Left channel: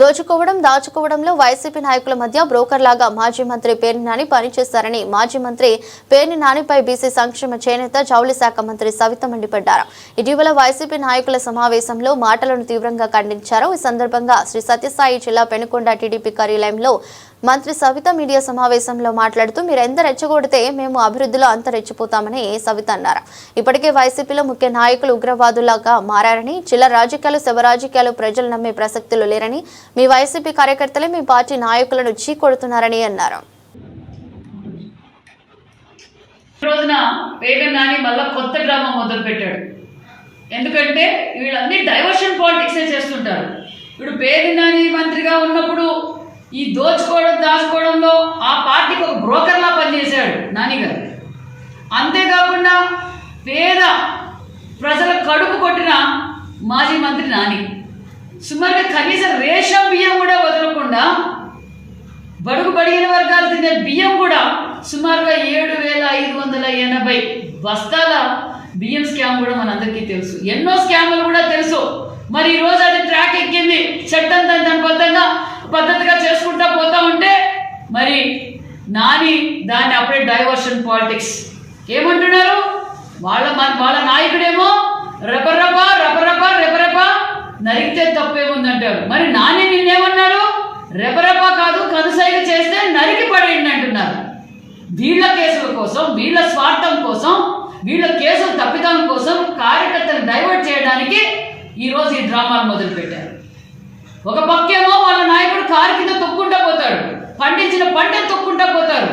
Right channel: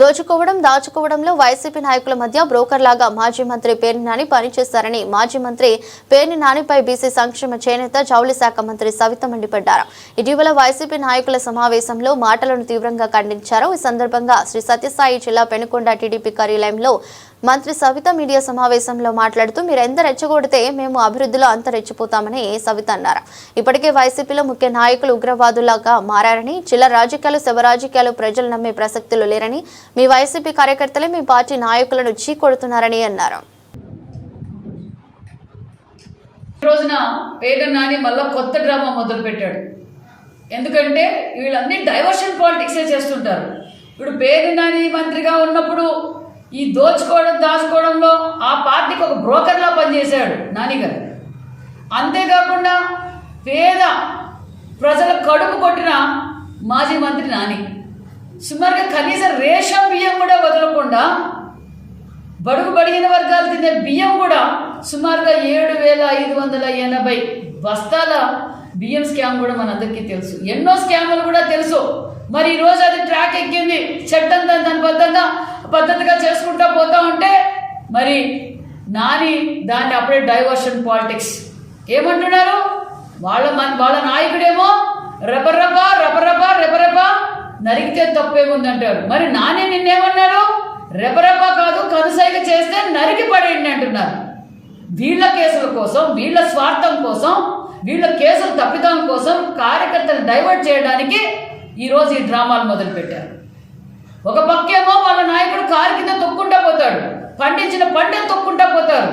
దోచుకోవడం దాచుకోవడంలో వైసీపీ నాయకుల మధ్య బ్రోకర్ లాగా మాజీ మంత్రి పేర్ని నాని పనిచేశారని మాజీ మంత్రి పేర్ని నానిపై బీసీ సంక్షేమ చేనేత జౌళి శాఖ మంత్రి సవిత మండిపడ్డారు. ఇటీవల వైసీపీ నాయకుల సమావేశంలో మాటలను తీవ్రంగా ఖండించారు. ఈ సందర్భంగా శ్రీ సత్యసాయి జిల్లా పెనుకొండ టీడీపీ కార్యాలయంలో మంత్రి సవిత మీడియా సమావేశంలో మాట్లాడుతూ మీరు ఎంత రెచ్చగొడితే మేము అభివృద్ధిలో అంత రెచ్చిపోతామని సవిత అన్నారు. ఇప్పటికే వైసీపీలో ముఖ్య నాయకులు ఉగ్రవాదులాగా మారారని జిల్లా రాజకీయాలు శవ రాజకీయాలు ప్రజలు నమ్మే ప్రసక్తులు లేరని మీ వైసీపీ కార్యకర్తలే మీ పార్టీ నాయకులను చీకొడుతున్నారని అన్నారు. రోజున నాని మళ్ళా కొత్త డ్రామా మొదలు పెట్టాడు ఎందుకంటే వీళ్ళన్నీ డైవర్షన్ పాలిటిక్సే చేస్తుంటారు. ఇప్పుడు పేరు నాని మంత్రిగా ఉన్నప్పుడు ఈ దోచుకోవడం దాచుకోవడంలో ఆ పార్టీకి ఒక బ్రోకర్లా పనిచేశాడు నానిగారు. అంతేకాకుండా పేద ప్రజల కడుపు కొట్టిన మాజీ మంత్రి నాని. సుమారుగా కనీసం రేషన్ బియ్యం కూడా వదలకుండా బడుగు బడిగిన వర్గాలు తినే బియ్యం కూడా సుమారుగా ఏడు వేల ఐదు వందల ఎనభై బస్తాల బియ్యం స్కామ్ కూడా మనందరికీ తెలుసు. ఎన్నో స్కామ్లు కూడా తెలుసు. మరి ఈరోజు అది ట్రాక్ ఎక్కింది చట్టం దాని దాని బద్ధంగా పద్ధతిగా చేసుకుంటా పోతా ఉంటే మరి నాని దాన్ని అప్పుడే డైవర్షన్ పాలిటిక్స్ ఏమంటున్నారు? వాళ్ళ వాళ్ళ నాయకుడేమో రపరప రపరప రెపరెప నరికితే తప్పేముందంటాడు మరి నాని నిన్నేమన్నాడు? రెపరెప కాదు కనుసైగ చేస్తే నరికి పడేయండి అంటున్నారు. వీళ్ళ కేసుల కోసం వీళ్ళ స్వార్థం కోసం వీళ్ళ కేసులు తప్పిదం కోసం కార్యకర్తలు డైవర్ట్ చేయడానికి ఈరోజు ఈ డ్రామాలు మొదలుపెట్టారు. ఒక పక్కేమో వాళ్ళ నాయకుడు కారు కింద తొక్కుంటా పోతాడు. పండించిన పంటను తొక్కుంటా పోతారు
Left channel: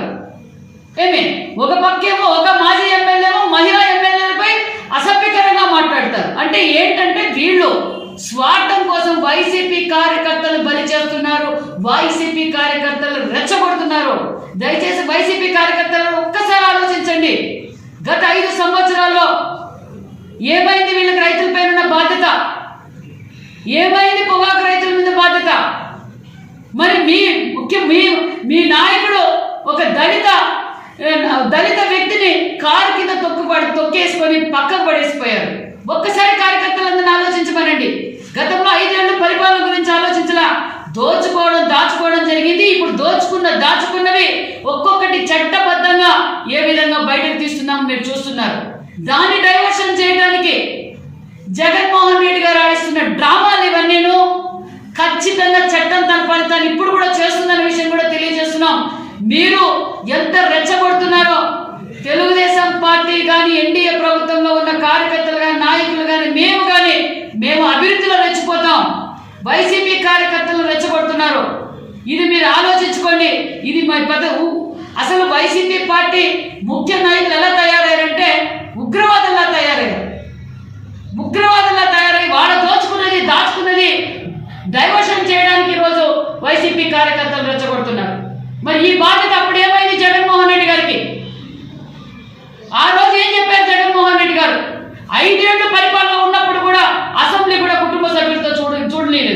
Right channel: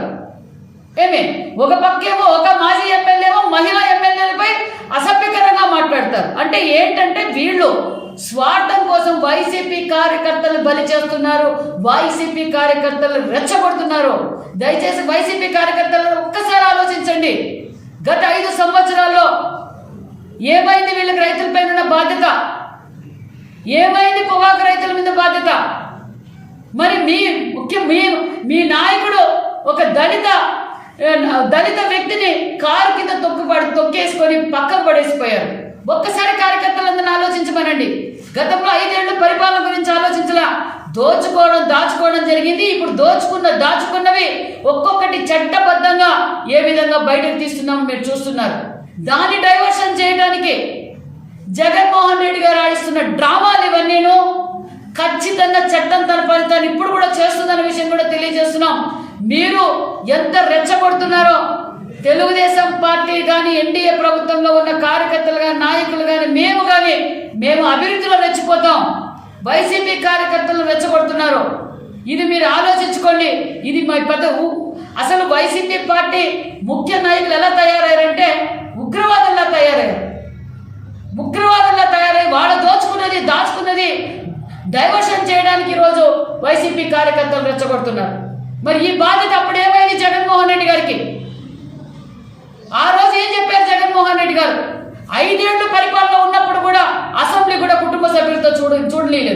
ఏమి? ఒక పక్కేమో ఒక మాజీ ఎమ్మెల్యేమో మహిళా ఎమ్మెల్యేలపై అసభ్యకరంగా మాట్లాడతారు. అంటే ఏంటంటే వీళ్ళు స్వార్థం కోసం వైసీపీ కార్యకర్తలు బలి చేస్తున్నారు వైసీపీ కార్యకర్తలు రెచ్చగొడుతున్నారు. దయచేసి వైసీపీ కార్యకర్తలు ఒక్కసారి ఆలోచించండి. గత ఐదు సంవత్సరాల్లో ఏమైంది వీళ్ళకి రైతులపై ఉన్న బాధ్యత? ఏమైంది పొగాకు రైతు మరి మీ ముఖ్య మీ మీ నాయకుడు ఒక దళిత దళిత వ్యక్తిని కారు కింద తొక్కుపడి తొక్కేసుకొని పక్కకు పడేసిపోయారు. ఒక్కసారి కార్యకర్తలందరినీ ఆలోచించమనండి. గతంలో ఐదేళ్ళ పరిపాలన గురించి ఆలోచించలా దోచుకోవడం దాచుకోవడం జరిగింది. ఇప్పుడు దోచుకున్న దాచుకున్నవి ఒక్కొక్కటి చట్టబద్ధంగా ఏ విధంగా బయటకు తీస్తున్నాం మీరు చూస్తున్నారు. దాన్ని డైవర్షన్ చేయడానికి జగన్మోహన్ రెడ్డి గారు ఆడిస్తున్న డ్రామా దాన్ని ఇప్పుడు కూడా చేస్తుందన్న విషయం కూడా తెలియజేస్తున్నాం. మీరు ఎంత రెచ్చగొడుతున్నారో తెలుగుదేశం పార్టీ కానీ ఎన్డీఏ ప్రభుత్వంలో ఉన్న కార్యకర్తలు కానీ నాయకులు కానీ మేము కానీ మేము అభివృద్ధిలో రెచ్చిపోతాం. వైసీపీ కార్యకర్తలు రెచ్చగొడుతున్నారు. ఇది మీరు ఆలోచించుకోండి. ఇది మా పెద్ద అసలు వైసీపీ పార్టీ ముఖ్య నాయకులు ఎలా తయారయ్యారంటే ఉగ్రవాదంలా డైవర్షన్ చేయడానికి ఈరోజు వైసీపీ కార్యకర్తలు రెచ్చగొడుతున్నారు. మరి ఈ బాధ్యత అప్పుడు ఏమైంది జగన్మోహన్ రెడ్డి గారికి? ఆ రోజు ఏం చెప్పారు జగన్మోహన్ రెడ్డి గారు? ఐదేళ్ళు పరిపాలన ఉన్నప్పుడు కూడా అసెంబ్లీ కూడా కుటుంబ సభ్యులతో చూడ చూడలేదు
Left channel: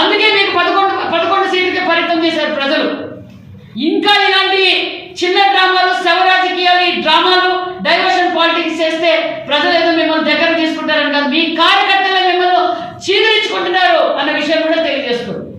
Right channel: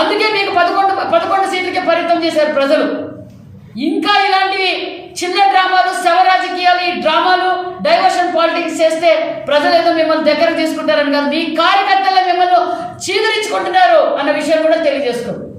అందుకే మీకు పదకొండు పదకొండు సీట్లకే పరితం చేశారు ప్రజలు. ఇంకా ఇలాంటివి చిన్న డ్రామాలు శవ రాజకీయాలు ఈ డ్రామాలు డైవర్షన్ పాలిటిక్స్ చేస్తే ప్రజలు ఏదో మిమ్మల్ని దగ్గర తీసుకుంటారని కాదు. మీ కార్యకర్తలు మిమ్మల్ని అన్న విషయం కూడా తెలియజేస్తుంది